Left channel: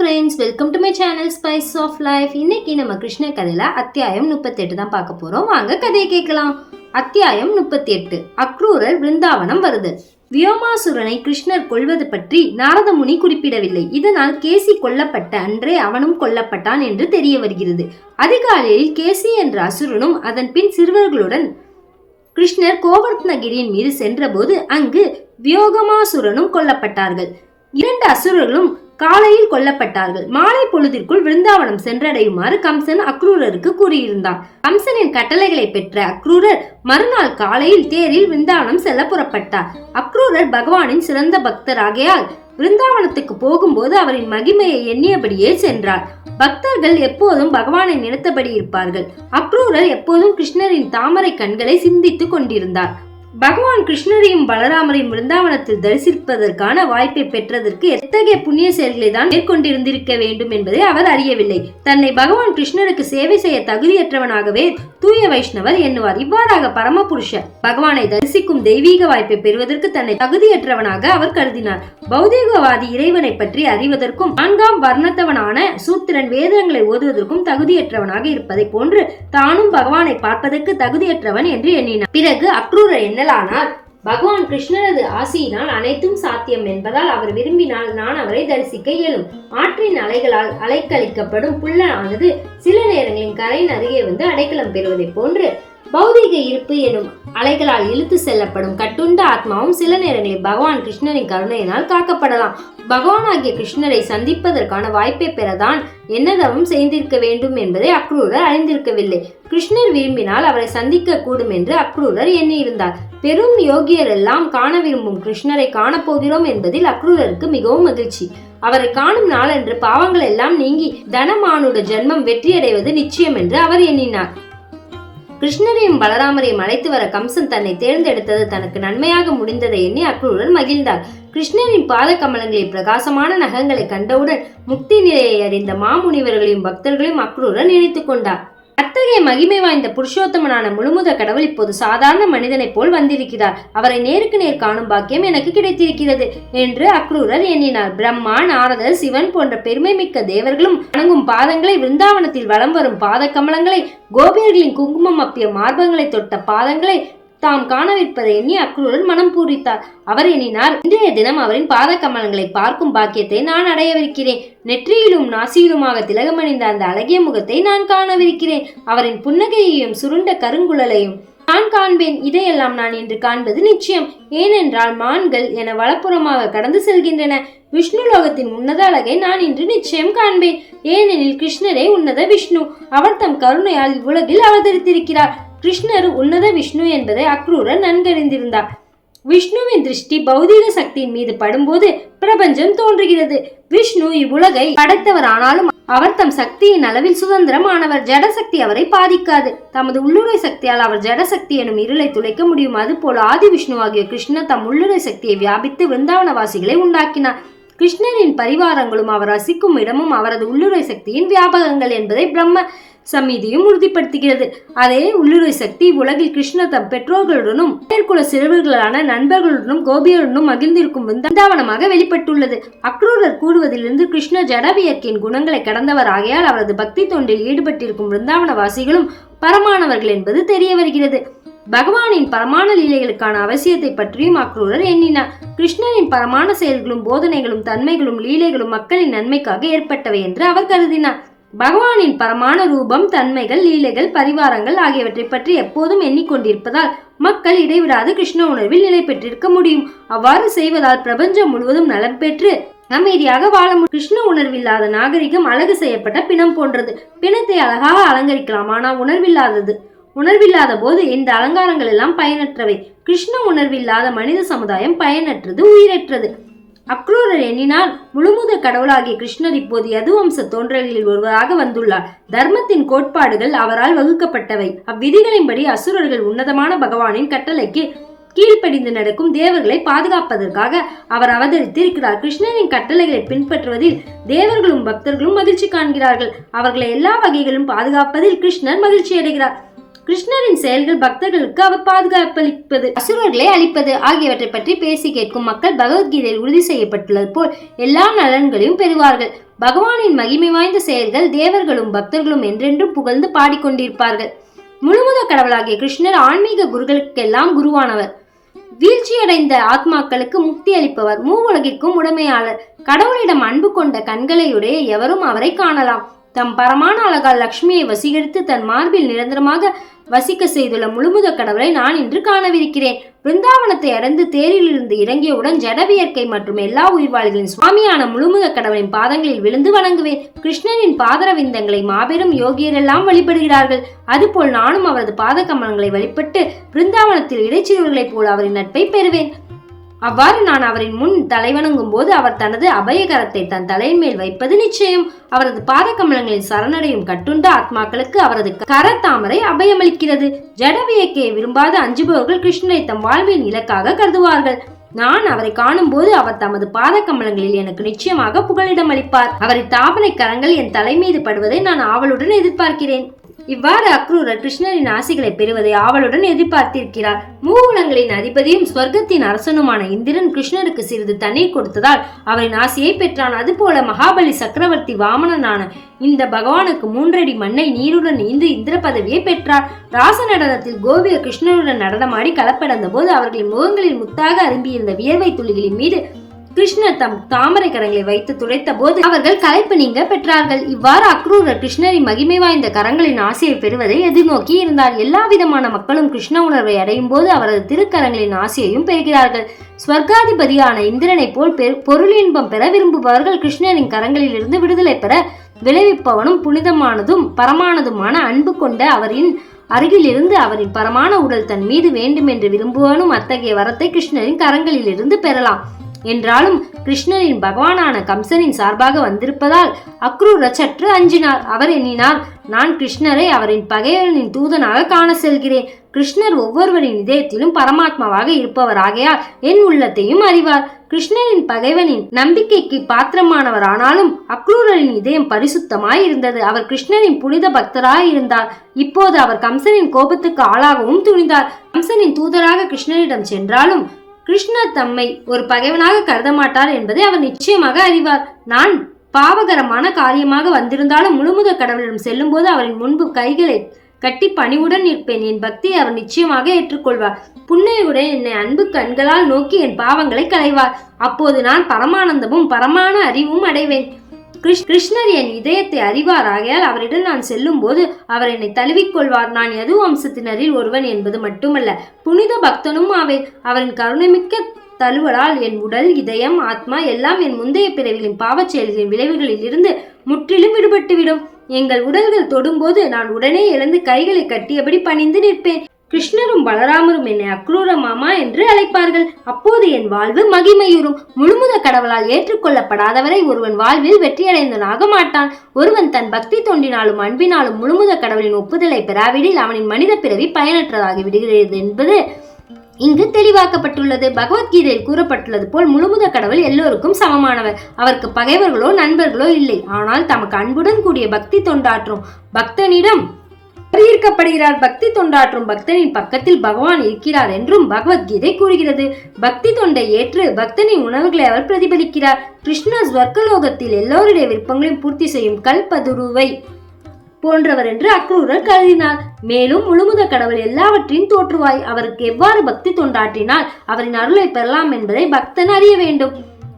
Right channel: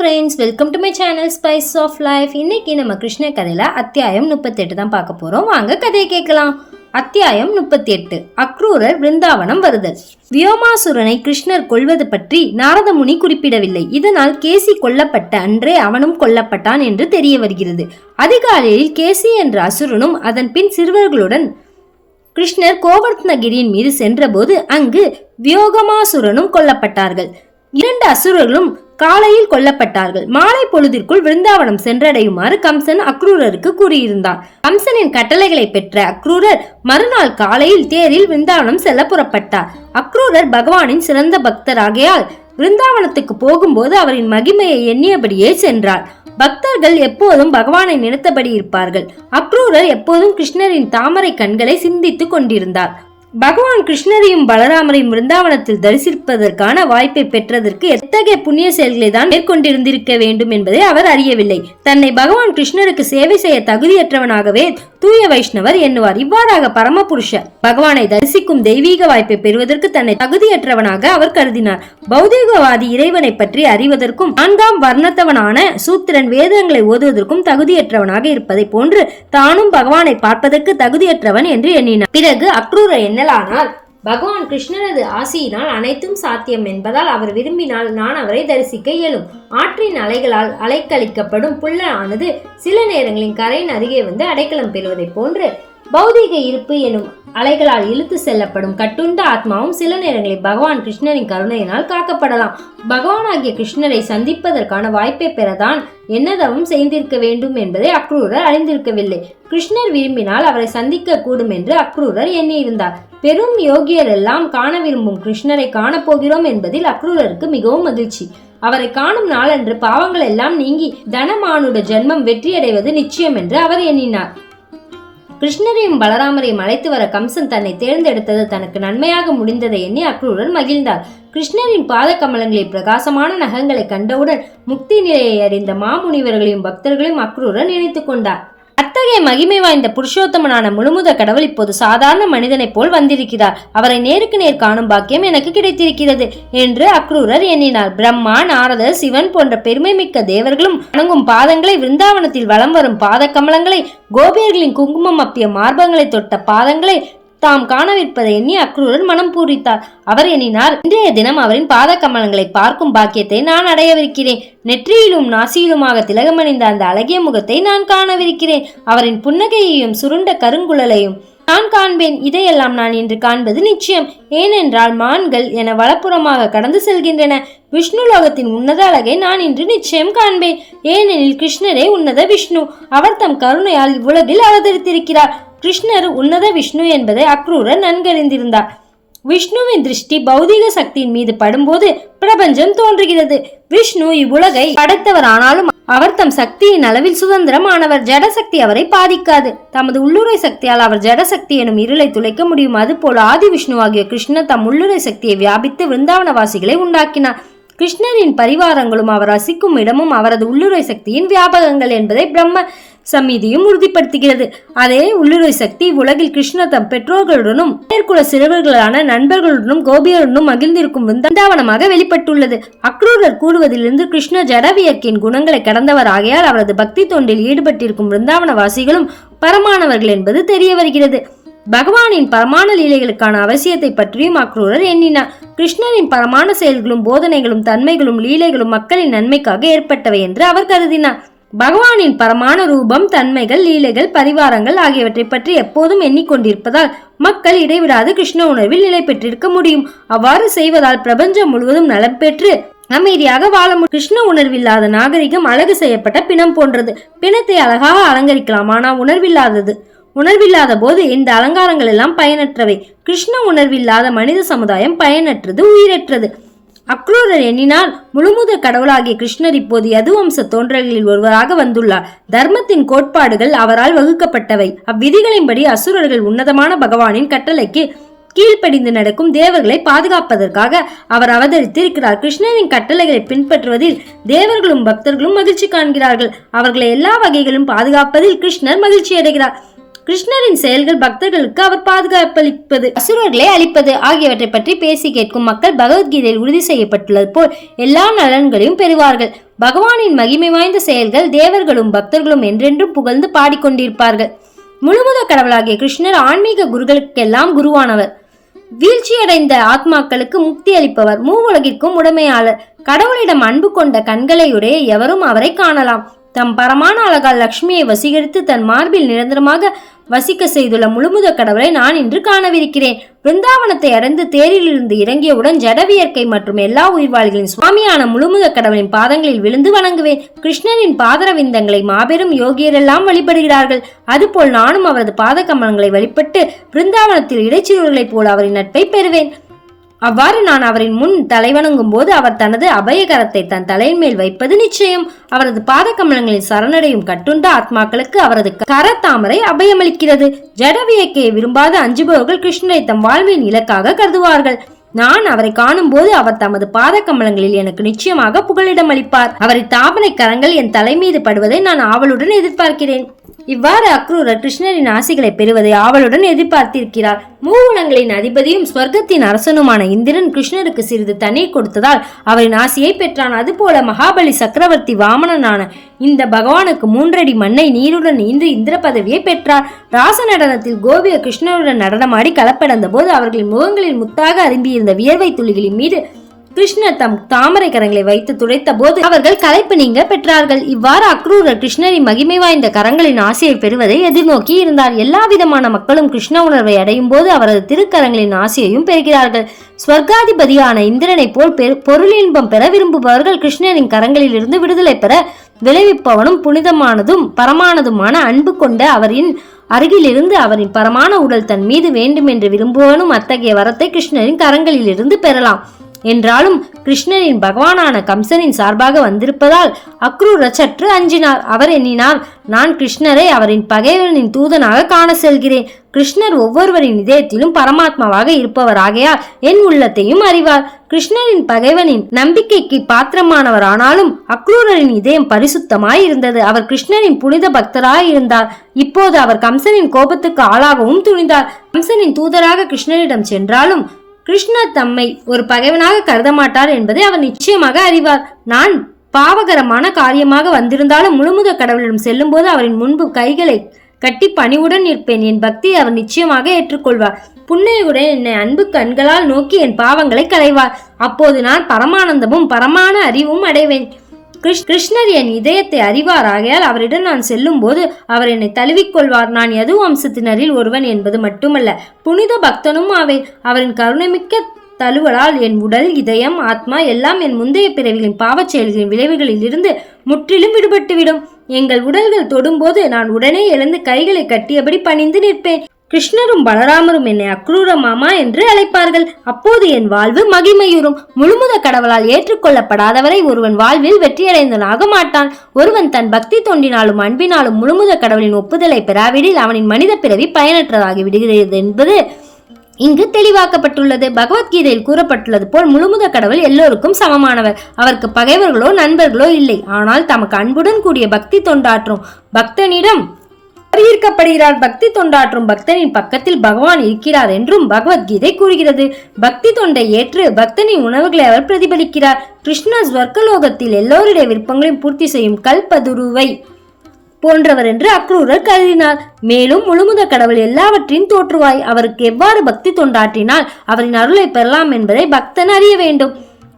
Friends welcome to my channel spice of life இன்னைக்கு நம்ம கிருஷ்ண கதையில அத்தியாயம் முப்பத்தெட்டு தான் பார்க்க போறோம். வாங்க கதையை கேட்கலாம். அத்தியாயம் முப்பத்தி எட்டு அக்ரூரர் பிருந்தாவனம் வருதல். வியோமாசுரனை கிருஷ்ணர் கொல்வது பற்றி நாரதமுனி குறிப்பிடவில்லை. இதனால் கேசி கொல்லப்பட்ட அன்றே அவனும் கொல்லப்பட்டான் என்று தெரிய வருகிறது. அதிகாலையில் கேசி என்ற அசுரனும் அதன் பின் சிறுவர்களுடன் கிருஷ்ணர் கோவர்த்தனகிரியின் மீது சென்றபோது அங்கு வியோகமாசுரனும் கொல்லப்பட்டார்கள். இரண்டு அசுரர்களும் காலையில் கொல்லப்பட்டார்கள். மாலை பொழுதிற்குள் விருந்தாவனம் சென்றடையுமாறு கம்சன் அக்ரூரருக்கு கூறியிருந்தான். கம்சனின் கட்டளைகளை பெற்ற அக்ரூரர் மறுநாள் காலையில் தேரில் விருந்தாவனம் செல்ல புறப்பட்டார். அக்ரூரர் பகவானின் சிறந்த பக்தர் ஆகையால் விருந்தாவனத்துக்கு போகும்போது அவரின் மகிமையை எண்ணியபடியே சென்றார். பக்தர்கள் எப்போதும் பகவானை நினைத்தபடி இருப்பார்கள். அக்ரூரர் எப்போதும் கிருஷ்ணரின் தாமரை கண்களை சிந்தித்துக் கொண்டிருந்தார். பகவான் கிருஷ்ணரையும் பலராமரையும் விருந்தாவனத்தில் தரிசிப்பதற்கான வாய்ப்பை பெற்றதற்கு எத்தகைய புண்ணிய செயல்களை தான் மேற்கொண்டிருந்திருக்க வேண்டும் என்பதை அவர் அறியவில்லை. தன்னை பகவான் கிருஷ்ணருக்கு சேவை செய்ய தகுதியற்றவனாகவே தூய வைஷ்ணவர் எண்ணுவார். இவ்வாறாக பரமபுருஷ பகவானை தரிசிக்கும் தெய்வீக வாய்ப்பை பெறுவதற்கு தன்னை தகுதியற்றவனாக அவர் கருதினார். பௌதீகவாதி இறைவனை பற்றி அறிவதற்கும் நான்காம் வர்ணத்தவனான சூத்திரன் வேதங்களை ஓதுவதற்கும் தகுதியற்றவனாக இருப்பதை போன்று தானும் பகவானை பார்ப்பதற்கு தகுதியற்றவன் என்று எண்ணினார். பிறகு அக்ரூர எண்ணலானால் பகவான் கிருஷ்ணரது ஆசியினால் அனைத்தும் சாத்தியம் என்பதால் அவர் விரும்பினால் நான் அவரை தரிசிக்க இயலும். ஆற்றின் அலைகளால் அலைக்கழிக்கப்படும் புல்லனானது சில நேரங்களில் கரையின் அருகே வந்து அடைக்கலம் பெறுவதைப் போன்று பௌதீக இருப்பு எனும் அலைகளால் இழுத்து செல்லப்படும் கட்டுண்ட ஆத்மாவும் சில நேரங்களில் பகவான் கிருஷ்ணரின் கருணையினால் காக்கப்படலாம். பகவானாகிய கிருஷ்ணரை சந்திப்பதற்கான வாய்ப்பை பெறதான் என்னதவும் செய்திருக்க வேண்டும் என்பதை அக்ரூரர் அறிந்திருக்கவில்லை. கிருஷ்ணர் விரும்பினால் அவரை சந்திக்க கூடும் என்று அக்ரூரர் எண்ணியிருந்தார். பெரும் யோகியர் எல்லாம் காண விரும்பும் கிருஷ்ணரை காணப்போகிறோம் என்பதில் அக்ரூரருக்கு மிகவும் மகிழ்ச்சி. அவரை காணும் நாளன்று பாவங்கள் எல்லாம் நீங்கி தனமானுட ஜென்மம் வெற்றியடைவது நிச்சயம் என்று அவர் எண்ணினார். கிருஷ்ணரையும் பலராமரையும் அழைத்து வர கம்சன் தன்னை தேர்ந்தெடுத்தது தனக்கு நன்மையாக முடிந்ததை எண்ணி அக்ரூரன் மகிழ்ந்தார். கிருஷ்ணரின் பாத கமலங்களில் பிரகாசமான நகங்களை கண்டவுடன் முக்தி நிலையை அடைந்த மாமுனிவர்களையும் பக்தர்களையும் அக்ரூரன் நினைத்துக் கொண்டார். அத்தகைய மகிமை வாய்ந்த புருஷோத்தமனான முழுமுத கடவுள் இப்போது சாதாரண மனிதனைப் போல் வந்திருக்கிறார். அவரை நேருக்கு நேர் காணும் பாக்கியம் எனக்கு கிடைத்திருக்கிறது என்று அக்ரூரர் எண்ணினார். பிரம்மா நாரதர் சிவன் போன்ற பெருமை மிக்க தேவர்களும் வணங்கும் பாதங்களை விருந்தாவனத்தில் வலம் வரும் பாத கமலங்களை கோபியர்களின் குங்குமம் அப்பிய மார்பங்களை தொட்ட பாதங்களை தாம் காணவிருப்பதை எண்ணி அக்ரூரர் மனம் பூரித்தார். அவர் எண்ணினார் இன்றைய தினம் அவரின் பாத கமலங்களை பார்க்கும் பாக்கியத்தை நான் அடையவிருக்கிறேன். நெற்றியிலும் நாசியிலுமாக திலகமணிந்த அந்த அழகிய முகத்தை நான் காணவிருக்கிறேன். அவரின் புன்னகையையும் சுருண்ட கருங்குழலையும் நான் காண்பேன். இதையெல்லாம் நான் இன்று காண்பது நிச்சயம். ஏனென்றால் மான்கள் என வலப்புறமாக கடந்து செல்கின்றன. விஷ்ணு லோகத்தின் உன்னத அழகை நான் இன்று நிச்சயம் காண்பேன். ஏனெனில் கிருஷ்ணரே உன்னத விஷ்ணு. அவர் தம் கருணையால் இவ்வுலகில் அவதரித்திருக்கிறார். கிருஷ்ணர் உன்னத விஷ்ணு என்பதை அக்ரூரர் நன்கறிந்திருந்தார். விஷ்ணுவின் திருஷ்டி பௌதீக சக்தியின் மீது படும்போது பிரபஞ்சம் தோன்றுகிறது. விஷ்ணு இவ்வுலகை படைத்தவர் ஆனாலும் அவர் தம் சக்தியின் அளவில் சுதந்திரமானவர். ஜடசக்தி அவரை பாதிக்காது. தமது உள்ளுரை சக்தியால் அவர் ஜடசக்தி எனும் இருளை துளைக்க முடியும். அதுபோல ஆதி விஷ்ணு ஆகிய கிருஷ்ணர் தம் உள்ளுரை சக்தியை வியாபித்து விருந்தாவனவாசிகளை உண்டாக்கினார். கிருஷ்ணரின் பரிவாரங்களும் அவர் வசிக்கும் இடமும் அவரது உள்ளுரை சக்தியின் வியாபகங்கள் என்பதை பிரம்ம சமிதியும் உறுதிப்படுத்துகிறது. அதே உள்ளுரை சக்தி உலகில் கிருஷ்ண தம் பெற்றோர்களுடனும் மேற்குல சிறுவர்களான நண்பர்களுடனும் கோபியருடனும் மகிழ்ந்திருக்கும் விந்தாவனமாக வெளிப்பட்டுள்ளது. அக்ரூரர் கூறுவதிலிருந்து கிருஷ்ண ஜடவியர்க்கின் குணங்களை கடந்தவர் ஆகையால் அவரது பக்தி தொண்டில் ஈடுபட்டிருக்கும் விருந்தாவனவாசிகளும் பரமானவர்கள் என்பது தெரிய வருகிறது. பகவானின் பரமான லீலைகளுக்கான அவசியத்தை பற்றியும் அக்ரூரர் எண்ணினார். கிருஷ்ணரின் பரமான செயல்களும் போதனைகளும் தன்மைகளும் லீலைகளும் மக்களின் நன்மைக்காக ஏற்பட்டவை என்று அவர் கருதினார். பகவானின் பரமான ரூபம் தன்மைகள் லீலைகள் பரிவாரங்கள் ஆகியவற்றை பற்றி எப்போதும் எண்ணிக்கொண்டிருப்பதால் மக்கள் இடைவிடாது கிருஷ்ண உணர்வில் நிலை பெற்றிருக்க முடியும். அவ்வாறு செய்வதால் பிரபஞ்சம் முழுவதும் நலம் பெற்று அமைதியாக வாழ முடியும் கிருஷ்ண உணர்வில்லாத நாகரிகம் அழகு செய்யப்பட்ட பிணம் போன்றது. பிணத்தை அழகாக அலங்கரிக்கலாம் ஆனால் உணர்வில்லாதது. உணர்வில்லாத போது இந்த அலங்காரங்கள் எல்லாம் பயனற்றவை. கிருஷ்ண உணர்வில்லாத மனித சமுதாயம் பயனற்றது உயிரற்றது. அக்ரூரர் எண்ணினால் முழுமுத கடவுளாகிய கிருஷ்ணர் இப்போது யதுவம்ச தோன்றல்களில் ஒருவராக வந்துள்ளார். தர்மத்தின் கோட்பாடுகள் அவரால் வகுக்கப்பட்டவை. அவ்விதிகளின்படி அசுரர்கள் உன்னதமான பகவானின் கட்டளைக்கு கீழ்ப்படிந்து நடக்கும் தேவர்களை பாதுகாப்பதற்காக அவர் அவதரித்திருக்கிறார். கிருஷ்ணரின் கட்டளைகளை பின்பற்றுவதில் தேவர்களும் பக்தர்களும் மகிழ்ச்சி காண்கிறார்கள். அவர்களை எல்லா வகைகளும் பாதுகாப்பதில் கிருஷ்ணர் மகிழ்ச்சி அடைகிறார் கிருஷ்ணரின் செயல்கள் பக்தர்களுக்கு அவர் பாதுகாப்பளிப்பது அசுரர்களை அளிப்பது ஆகியவற்றை பற்றி பேசி கேட்கும் மக்கள் பகவத்கீதையில் உறுதி செய்யப்பட்டுள்ளது போல் எல்லா நலன்களையும் பெறுவார்கள். பகவானின் மகிமை வாய்ந்த செயல்கள் தேவர்களும் பக்தர்களும் என்றென்றும் புகழ்ந்து பாடிக்கொண்டிருப்பார்கள். முழுமுத கடவுளாகிய கிருஷ்ணர் ஆன்மீக குருகளுக்கெல்லாம் குருவானவர். வீழ்ச்சியடைந்த ஆத்மாக்களுக்கு முக்தி அளிப்பவர் மூவுலகிற்கும் உடைமையாளர். கடவுளிடம் அன்பு கொண்ட கண்களையுடைய எவரும் அவரை காணலாம். தம் பரமான அழகால் லக்ஷ்மியை வசீகரித்து தன் மார்பில் நிரந்தரமாக வசிக்க செய்துள்ள முழுமுத கடவுளை நான் இன்று காணவிருக்கிறேன். பிருந்தாவனத்தை அடைந்து தேரிலிருந்து இறங்கியவுடன் ஜடவியற்கை மற்றும் எல்லா உயிர்வாளிகளின் சுவாமியான முழுமுத கடவுளின் பாதங்களில் விழுந்து வணங்குவேன். கிருஷ்ணனின் பாதரவிந்தங்களை மாபெரும் யோகியரெல்லாம் வழிபடுகிறார்கள். அதுபோல் நானும் அவரது பாத கமலங்களை வழிபட்டு பிருந்தாவனத்தில் இடைச்சிறுவர்களைப் போல் அவரின் நட்பை பெறுவேன். அவ்வாறு நான் அவரின் முன் தலைவணங்கும் போது அவர் தனது அபயகரத்தை தன் தலையின் மேல் வைப்பது நிச்சயம். அவரது பாத கமலங்களின் சரணடையும் கட்டுண்ட ஆத்மாக்களுக்கு அவரது கரத்தாமரை அபயமளிக்கிறது. ஜடவியக்கையை விரும்பாத அஞ்சுபவர்கள் கிருஷ்ணரை தம் வாழ்வின் இலக்காக கருதுவார்கள். நான் அவரை காணும் போது அவர் தமது பாத கமலங்களில் எனக்கு நிச்சயமாக புகலிடம் அளிப்பார். அவரை தாபனை கரங்கள் என் தலை மீது படுவதை நான் ஆவலுடன் எதிர்பார்க்கிறேன். இவ்வாறு அக்ரூரர் கிருஷ்ணரின் ஆசிகளை பெறுவதை ஆவலுடன் எதிர்பார்த்திருக்கிறார். மூவுலங்களின் அதிபதியும் ஸ்வர்க்கத்தின் அரசனுமான இந்திரன் கிருஷ்ணருக்கு சிறிது தண்ணீர் கொடுத்ததால் அவரின் ஆசியை பெற்றான். அதுபோல மகாபலி சக்கரவர்த்தி வாமனனான இந்த பகவானுக்கு மூன்றடி மண்ணை நீருடன் ஈந்து இந்திர பதவியை பெற்றார். ராச நடனத்தில் கோபிய கிருஷ்ணருடன் நடனமாடி கலப்படந்த போது அவர்களின் முகங்களில் முத்தாக அரும்பியிருந்த வியர்வை துளிகளின் மீது கிருஷ்ணர் தம் தாமரை கரங்களை வைத்து துடைத்த போது அவர்கள் கலைப்பு நீங்க பெற்றார்கள். இவ்வாறு அக்ரூரர் கிருஷ்ணரின் மகிமை வாய்ந்த கரங்களின் ஆசையை பெறுவதை எதிர்நோக்கி இருந்தார். எல்லா விதமான மக்களும் கிருஷ்ண உணர்வை அடையும் போது அவரது திருக்கரங்களின் ஆசையையும் பெறுகிறார்கள். ஸ்வர்காதிபதியான இந்திரனை போல் பொருளின்பம் பெற விரும்புபவர்கள் கிருஷ்ணரின் கரங்களில் இருந்து விடுதலை பெற விளைவிப்பவனும் புனிதமானதும் பரமானதுமான அன்பு கொண்ட அவரின் அருகிலிருந்து அவரின் பரமான உடல் தன் மீது வேண்டும் என்று விரும்புவனும் அத்தகைய வரத்தை கிருஷ்ணரின் கரங்களிலிருந்து பெறலாம். என்றாலும் கிருஷ்ணனின் பகவானான கம்சனின் சார்பாக வந்திருப்பதால் அக்ரூர சற்று அஞ்சினார். அவர் எண்ணினார் நான் கிருஷ்ணரை அவரின் பகைவனின் தூதனாக காண செல்கிறேன். கிருஷ்ணர் ஒவ்வொருவரின் இதயத்திலும் பரமாத்மாவாக இருப்பவராகையால் என் உள்ளத்தையும் அறிவார். கிருஷ்ணரின் பகைவனின் நம்பிக்கைக்கு பாத்திரமானவர் ஆனாலும் அக்ரூரரின் இதயம் பரிசுத்தமாய் இருந்தது அவர் கிருஷ்ணரின் புனித பக்தராய் இருந்தார். இப்போது அவர் கம்சனின் கோபத்துக்கு ஆளாகவும் துணிந்தார். கம்சனின் தூதராக கிருஷ்ணரிடம் சென்றாலும் கிருஷ்ணர் தம்மை ஒரு பகைவனாக கருத மாட்டார் என்பதை அவர் நிச்சயமாக அறிவார். நான் பாவகரமான காரியமாக வந்திருந்தாலும் முழுமுத கடவுளிடம் செல்லும்போது அவரின் முன்பு கைகளை கட்டி பணிவுடன் நிற்பேன். என் பக்தியை அவர் நிச்சயமாக ஏற்றுக்கொள்வார். புன்னையுடன் என்னை அன்பு கண்களால் நோக்கி என் பாவங்களை களைவார். அப்போது நான் பரமானந்தமும் பரமான அறிவும் அடைவேன். கிருஷ்ணர் என் இதயத்தை அறிவார். ஆகையால் அவரிடம் நான் செல்லும் போது அவர் என்னை தழுவிக்கொள்வார். நான் எது வம்சத்தினரில் ஒருவன் என்பது மட்டுமல்ல புனித பக்தனும் அவை அவரின் கருணைமிக்க தழுவலால் என் உடல் இதயம் ஆத்மா எல்லாம் என் முந்தைய பிறவிகளின் பாவச் செயல்களின் விளைவுகளில் இருந்து முற்றிலும் விடுபட்டுவிடும். எங்கள் உடல்கள் தொடும்போது நான் உடனே எழுந்து கைகளை கட்டியபடி பணிந்து நிற்பேன். கிருஷ்ணரும் பலராமரும் என்னை அக்ரூர மாமா என்று அழைப்பார்கள். அப்போது என் வாழ்வு மகிமையுறும். முழுமுத கடவுளால் ஏற்றுக்கொள்ளப்படாதவரை ஒருவன் வாழ்வில் வெற்றியடைந்தனாக மாட்டான் ஒருவன் தன் பக்தி தொண்டினாலும் அன்பினாலும் முழுமுத கடவுளின் ஒப்புதலை பெறாவிடில் அவனின் மனித பிறவி பயனற்றதாகி விடுகிறது என்பது இங்கு தெளிவாக்கப்பட்டுள்ளது. பகவத்கீதையில் கூறப்பட்டுள்ளது போல் முழுமுத கடவுள் எல்லோருக்கும் சமமானவர். அவருக்கு பகைவர்களோ நண்பர்களோ இல்லை. ஆனால் தமக்கு அன்புடன் கூடிய பக்தி தொண்டாற்றும் பக்தனிடம் ஈர்க்கப்படுகிறார் பக்தி தொண்டாற்றும் பக்தனின் பக்கத்தில் பகவான் இருக்கிறார் என்றும் பகவத்கீதை கூறுகிறது. பக்தி தொண்டை ஏற்று பக்தனின் உணவுகளை அவர் பிரதிபலிக்கிறார். கிருஷ்ண ஸ்வர்க்கலோகத்தில் எல்லோருடைய விருப்பங்களையும் பூர்த்தி செய்யும் கல்பதுருவை போன்றவர் என்று அக்ரூரர் கருதினார். மேலும் முழுமுத கடவுள் எல்லாவற்றையும் தோற்றுவாய். அவருக்கு எவ்வாறு பக்தி தொண்டாற்றினால் அவரின் அருளை பெறலாம் என்பதை பக்தன் அறிய வேண்டும்.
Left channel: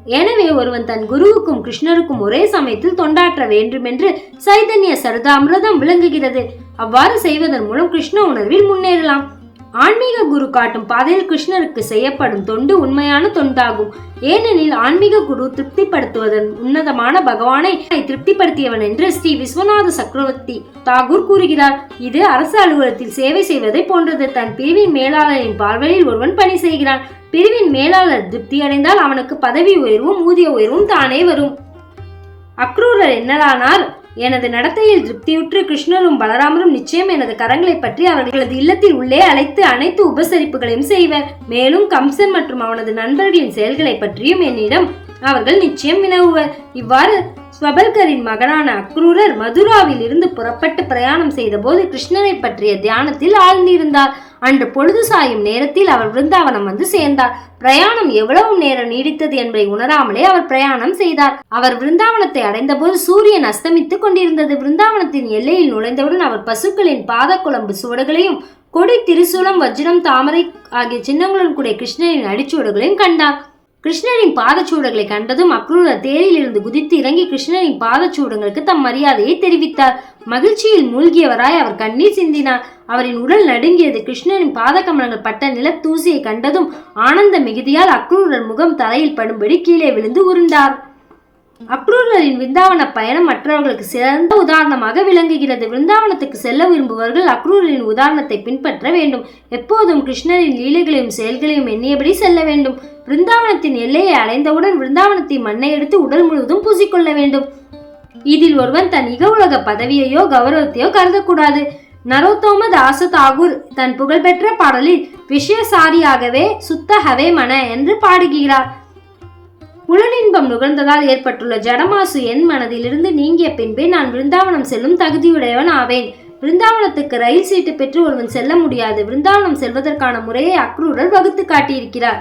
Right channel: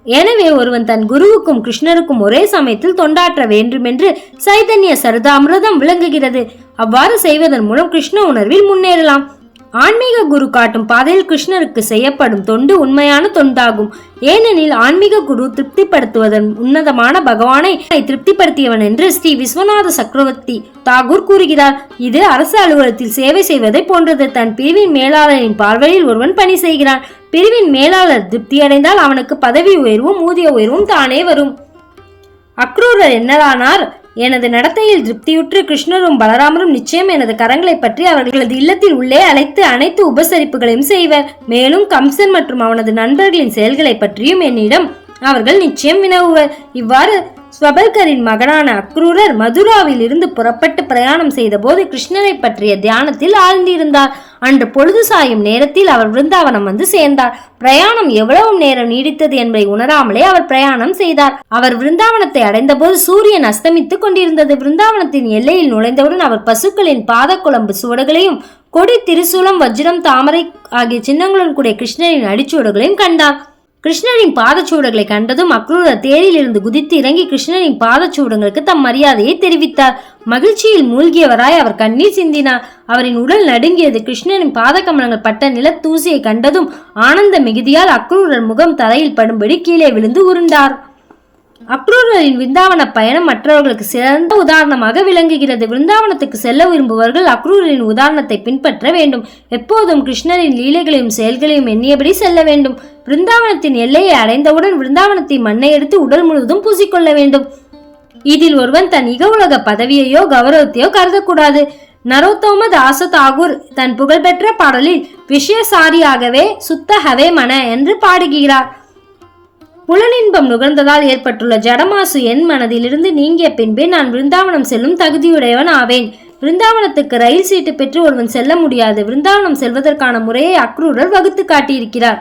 எனவே ஒருவன் தன் குருவுக்கும் கிருஷ்ணருக்கும் ஒரே சமயத்தில் தொண்டாற்ற வேண்டும் என்று சைதன்ய சரதாமிரதம் விளங்குகிறது. அவ்வாறு செய்வதன் மூலம் கிருஷ்ண உணர்வில் முன்னேறலாம். ஆன்மீக குரு காட்டும் பாதையில் கிருஷ்ணருக்கு செய்யப்படும் தொண்டு உண்மையான தொண்டாகும். ஏனெனில் ஆன்மீக குரு திருப்திப்படுத்துவதன் உன்னதமான பகவானை திருப்திப்படுத்தியவன் என்று ஸ்ரீ விஸ்வநாத சக்கரவர்த்தி தாகூர் கூறுகிறார். இது அரசு அலுவலகத்தில் சேவை செய்வதை போன்றது. தன் பிரிவின் மேலாளரின் பார்வையில் ஒருவன் பணி செய்கிறான். பிரிவின் மேலாளர் திருப்தியடைந்தால் அவனுக்கு பதவி உயர்வும் ஊதிய உயர்வும் தானே வரும். அக்ரூரர் என்னதானார்? எனது நடத்தையில் திருப்தியுற்று கிருஷ்ணரும் பலராமரும் நிச்சயம் எனது கரங்களை பற்றி அவர்களது இல்லத்தில் உள்ளே அழைத்து அனைத்து உபசரிப்புகளையும் செய்வர். மேலும் கம்சன் மற்றும் அவனது நண்பர்களின் செயல்களை பற்றியும் என்னிடம் அவர்கள் நிச்சயம் வினவுவர். இவ்வாறு ஸ்வபல்கரின் மகனான அக்ரூரர் மதுராவில் இருந்து புறப்பட்டு பிரயாணம் செய்தபோது கிருஷ்ணரை பற்றிய தியானத்தில் ஆழ்ந்திருந்தார். அன்று பொழுது சாயும் நேரத்தில் அவர் விருந்தாவனம் வந்து சேர்ந்தார். பிரயாணம் எவ்வளவு நேரம் நீடித்தது என்பதை உணராமலே அவர் பிரயாணம் செய்தார். அவர் விருந்தாவனத்தை அடைந்தபோது சூரியன் அஸ்தமித்துக் கொண்டிருந்தது. விருந்தாவனத்தின் எல்லையில் நுழைந்தவுடன் அவர் பசுக்களின் பாதக்குழம்பு சுவடுகளையும் கொடி திரிசூலம் வஜ்ரம் தாமரை ஆகிய சின்னங்களுடன் கூடிய கிருஷ்ணனின் அடிச்சுவடுகளையும் கண்டார். கிருஷ்ணரின் பாதச்சூடங்களை கண்டதும் அக்ரூரர் தேரில் இருந்து குதித்து இறங்கி கிருஷ்ணரின் பாதச்சூடங்களுக்கு தம் மரியாதையை தெரிவித்தார். மகிழ்ச்சியில் மூழ்கியவராய் அவர் கண்ணீர் சிந்தினார். அவரின் உடல் நடுங்கியது கிருஷ்ணரின் பாதக்கமலங்கள் பட்ட நிலத்தூசியை கண்டதும் ஆனந்த மிகுதியால் அக்ரூரர் முகம் தரையில் படும்படி கீழே விழுந்து உருண்டார். அக்ரூரரின் விருந்தாவன பயணம் மற்றவர்களுக்கு சிறந்த உதாரணமாக விளங்குகிறது. விருந்தாவனத்துக்கு செல்ல விரும்புபவர்கள் அக்ரூரின் உதாரணத்தை பின்பற்ற வேண்டும். எப்போதும் கிருஷ்ணரின் லீலைகளையும் செயல்களையும் எண்ணியபடி செல்ல வேண்டும். விருந்தாவனத்தின் எல்லையை அடைந்தவுடன் விருந்தாவனத்தின் மண்ணை எடுத்து உடல் முழுவதும் பூசிக்கொள்ள வேண்டும். இதில் ஒருவன் தன் இக உலக பதவியையோ கௌரவத்தையோ கருதக்கூடாது. நரோத்தோம தாச தாகூர் தன் புகழ்பெற்ற பாடலில் விஷயசாரியாகவே சுத்த ஹவே மன என்று பாடுகிறார். புலனின்பம் நுகர்ந்ததால் ஏற்பட்டுள்ள ஜடமாசு என் மனதிலிருந்து நீங்கிய பின்பே நான் விருந்தாவனம் செல்லும் தகுதியுடையவன் ஆவேன். விருந்தாவனத்துக்கு ரயில் சீட்டு பெற்று ஒருவன் செல்ல முடியாது. விருந்தாவனம் செல்வதற்கான முறையை அக்ரூரர் வகுத்து காட்டியிருக்கிறார்.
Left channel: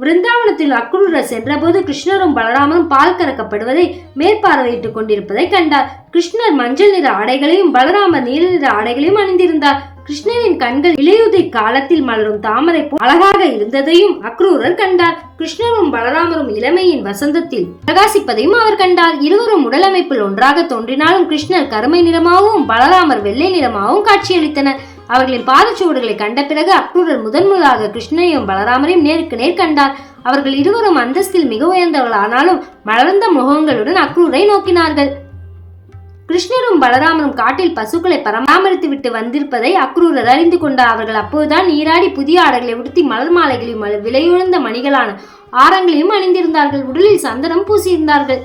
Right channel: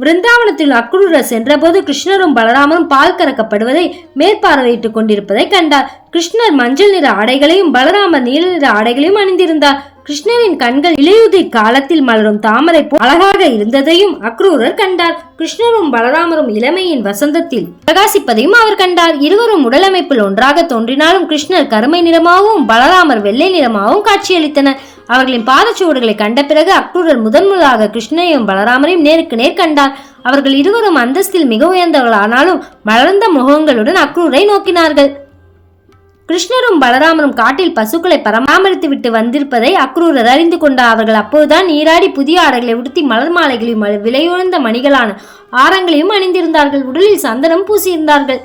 விருந்தாவனத்தில் அக்ரூரர் சென்றபோது கிருஷ்ணரும் பலராமரும் பால் கறக்கப்படுவதை மேற்பார்வையிட்டுக் கொண்டிருப்பதை கண்டார். கிருஷ்ணர் மஞ்சள் நிற ஆடைகளையும் பலராமர் நீல நிற ஆடைகளையும் அணிந்திருந்தார். கிருஷ்ணரின் கண்கள் இலையுதிர் காலத்தில் மலரும் தாமரை போல் அழகாக இருந்ததையும் அக்ரூரர் கண்டார். கிருஷ்ணரும் பலராமரும் இளமையின் வசந்தத்தில் பிரகாசிப்பதையும் அவர் கண்டார். இருவரும் உடலமைப்பில் ஒன்றாக தோன்றினாலும் கிருஷ்ணர் கருமை நிறமாகவும் பலராமர் வெள்ளை நிறமாகவும் காட்சியளித்தனர். அவர்களின் பாதச்சுவடுகளை கண்ட பிறகு அக்ரூரர் முதன்முதலாக கிருஷ்ணனையும் கிருஷ்ணரையும் பலராமரையும் நேருக்கு நேர் கண்டார். அவர்கள் இருவரும் அந்தஸ்தில் மிக உயர்ந்தவர்கள் ஆனாலும் மலர்ந்த முகங்களுடன் அக்ரூரை நோக்கினார்கள். கிருஷ்ணரும் பலராமரும் காட்டில் பசுக்களை பராமரித்து விட்டு வந்திருப்பதை அக்ரூரர் அறிந்து கொண்டார் அவர்கள் அப்போதுதான் நீராடி புதிய ஆடைகளை உடுத்தி மலர் மாலைகளையும் விலையுயர்ந்த மணிகளான ஆரங்களையும் அணிந்திருந்தார்கள். உடலில் சந்தனம் பூசியிருந்தார்கள்.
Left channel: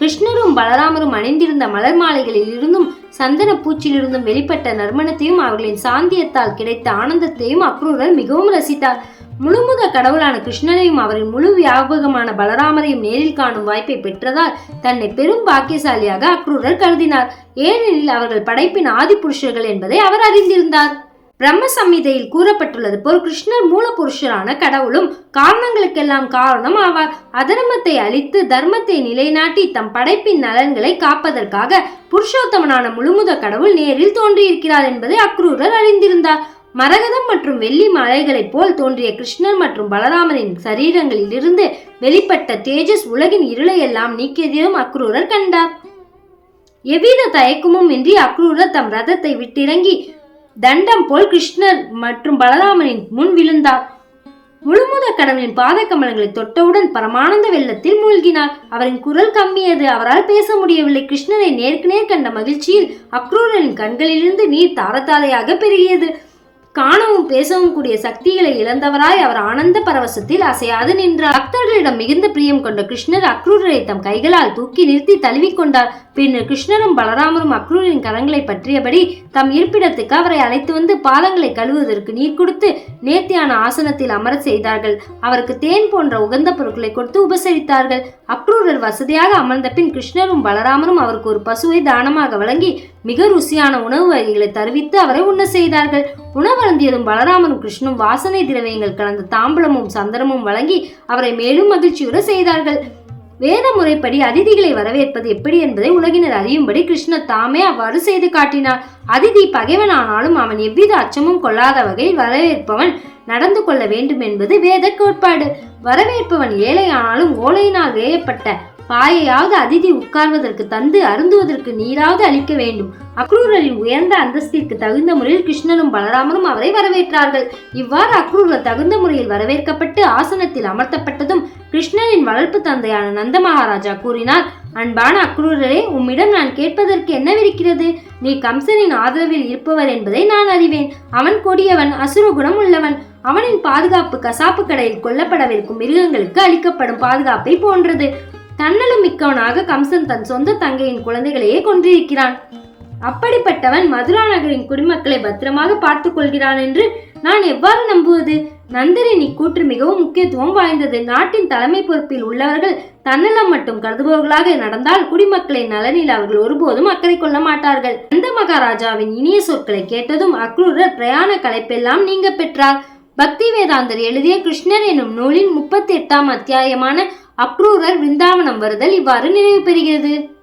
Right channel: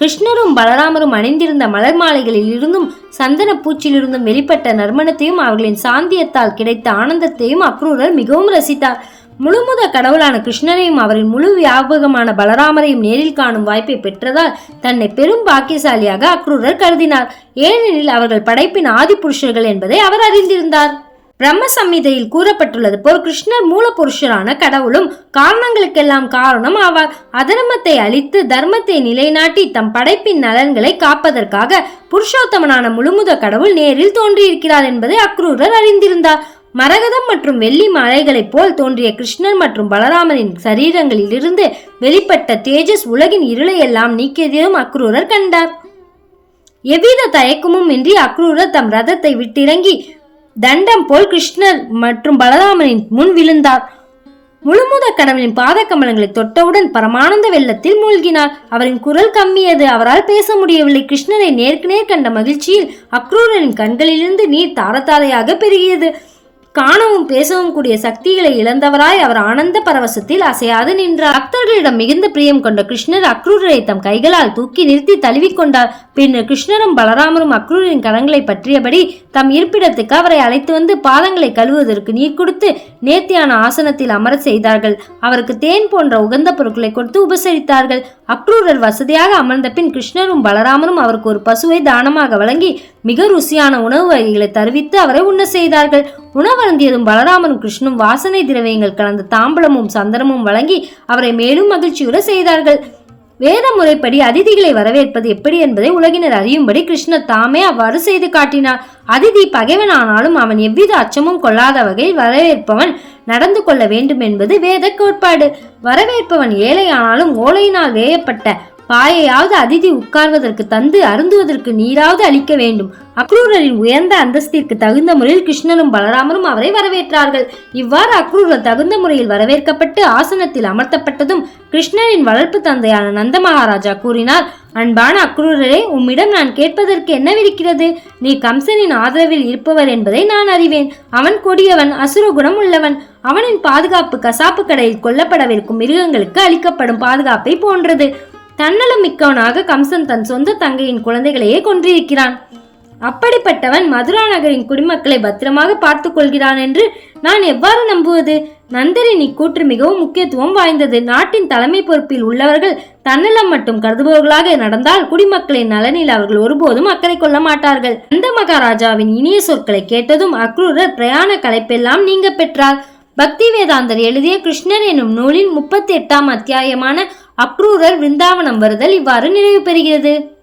கிருஷ்ணரும் பலராமரும் அணிந்திருந்த மலர் மாலைகளில் இருந்தும் சந்தன பூச்சிலிருந்தும் வெளிப்பட்ட நறுமணத்தையும் அவர்களின் சாந்தியத்தால் கிடைத்த ஆனந்தத்தையும் அக்ரூரர் மிகவும் ரசித்தார். முழுமுத கடவுளான கிருஷ்ணனையும் அவரின் முழு வியாபகமான பலராமரையும் நேரில் காணும் வாய்ப்பை பெற்றதால் தன்னை பெரும் பாக்கியசாலியாக அக்ரூரர் கருதினார். ஏனெனில் அவர்கள் படைப்பின் ஆதி புருஷர்கள் என்பதை அவர் அறிந்திருந்தார். பிரம்ம சம்மிதையில் கூறப்பட்டுள்ளது போல் கிருஷ்ணர் மூலபுருஷரான கடவுளும் காரணங்களுக்கெல்லாம் காரணம் ஆவார். அதர்மத்தை அழித்து தர்மத்தை நிலைநாட்டி தம் படைப்பின் நலன்களை காப்பதற்காக புருஷோத்தமனான முழுமுத கடவுள் நேரில் தோன்றியிருக்கிறார் என்பதை அக்ரூரர் அறிந்திருந்தார். மரகதம் மற்றும் வெள்ளி மலைகளைப் போல் தோன்றிய கிருஷ்ணன் மற்றும் பலராமரின் சரீரங்களிலிருந்து வெளிப்பட்ட தேஜஸ் உலகின் இருளையெல்லாம் நீக்கியதையும் அக்ரூரர் கண்டார். எவ்வித தயக்கமும் இன்றி அக்ரூரர் தம் ரதத்தை விட்டிறங்கி தண்டம் போல் கிருஷ்ணர் மற்றும் பலராமனின் முன் விழுந்தார். முழுமுத கடவுளின் பாத கமலங்களை தொட்டவுடன் பரமானந்த வெள்ளத்தில் மூழ்கினார். அவரின் குரல் கம்மியது. அவரால் பேச முடியவில்லை. கிருஷ்ணனை நேருக்கு நேர் கண்ட மகிழ்ச்சியில் அக்ரூரரின் கண்களிலிருந்து நீர் தாரதாரையாக பெருகியது. காணவும் பேசவும் கூடிய சக்திகளை இழந்தவராய் அவர் ஆனந்த பரவசத்தில் அசையாது நின்றார். பக்தர்களிடம் மிகுந்த பிரியம் கொண்ட கிருஷ்ணர் அக்ரூரரை தம் கைகளால் தூக்கி நிறுத்தி தழுவிக்கொண்டார் பின்னர் கிருஷ்ணரும் பலராமரும் அக்ரூரின் கரங்களை பற்றியபடி தம் இருப்பிடத்துக்கு அவரை அழைத்து வந்து பாதங்களை கழுவுவதற்கு நீர் கொடுத்து நேர்த்தியான ஆசனத்தில் அமர செய்தார்கள். அவருக்கு தேன் போன்ற உகந்த பொருட்களை கொடுத்து உபசரித்தார்கள். அக்ரூரர் வசதியாக அமர்ந்த பின் கிருஷ்ணரும் பலராமரும் அவருக்கு ஒரு பசுவை தானமாக வழங்கி மிக ருசியான உணவு வகைகளை தருவித்து அவரை உண்ண செய்தார்கள். உணவருந்தியதும் பலராமரும் கிருஷ்ணனும் வாசனை திரவியங்கள் கலந்த தாம்பலமும் சந்தனமும் வழங்கி அவரை மேலும் மகிழ்ச்சியுற செய்தார்கள். வேத முறைப்படி அதிதிகளை வரவேற்பது எப்படி என்பதை உலகினர் அறியும்படி கிருஷ்ணர் தாமே அவ்வாறு செய்து காட்டினார். அதிதி பகைவனானாலும் அவன் எவ்வித அச்சமும் கொள்ளாத வகையில் வரவேற்பவன் நடந்து கொள்ள வேண்டும் என்பது வேத கோட்பாடு. வரவேற்பவன் ஏழையானாலும் ஓலையினால் வேயப்பட்ட பாயையாவது அதிதி உட்கார்வதற்கு தந்து அருந்துவதற்கு நீராவது அளிக்க வேண்டும். அக்ரூரரின் உயர்ந்த அந்தஸ்திற்கு தகுந்த முறையில் கிருஷ்ணனும் பலராமரும் அவரை வரவேற்றார்கள். இவ்வாறு அக்ரூரர் தகுந்த முறையில் வரவேற்கப்பட்டு ஆசனத்தில் அமர்த்தப்பட்டதும் கிருஷ்ணனின் வளர்ப்பு தந்தையான நந்த மகாராஜா கூறினார் அன்பான அக்ரூரரே உம்மிடம் நான் கேட்பதற்கு என்னவிருக்கிறது நீ கம்சனின் ஆதரவில் இருப்பவர் என்பதை நான் அறிவேன். அவன் கொடியவன் அசுரகுணம் உள்ளவன். அவனின் பாதுகாப்பு கசாப்பு கடையில் கொல்லப்படவிருக்கும் மிருகங்களுக்கு அளிக்கப்படும் பாதுகாப்பை போன்றது. தன்னலமிக்கவனாக கம்சன் தன் சொந்த தங்கையின் குழந்தைகளையே கொன்றிருக்கிறான். அப்படிப்பட்டவன் மதுரா நகரின் குடிமக்களை பத்திரமாக பார்த்துக் கொள்கிறான் என்று நான் எவ்வாறு நம்புவது? நந்தரின் இக்கூற்று மிகவும் முக்கியத்துவம் வாய்ந்தது. நாட்டின் தலைமை பொறுப்பில் உள்ளவர்கள் தன்னலம் மட்டும் கருதுபவர்களாக நடந்தால் குடிமக்களின் நலனில் அவர்கள் ஒருபோதும் அக்கறை கொள்ள மாட்டார்கள். நந்த மகாராஜாவின் இனிய சொற்களை கேட்டதும் அக்ரூரர் பிரயாண கலைப்பெல்லாம் நீங்க பெற்றார். பக்தி வேதாந்தர் எழுதிய கிருஷ்ணர் என்னும் நூலின் முப்பத்தி எட்டாம் அத்தியாயமான அக்ரூரர் விருந்தாவனம் வருதல் இவ்வாறு நிறைவு பெறுகிறது.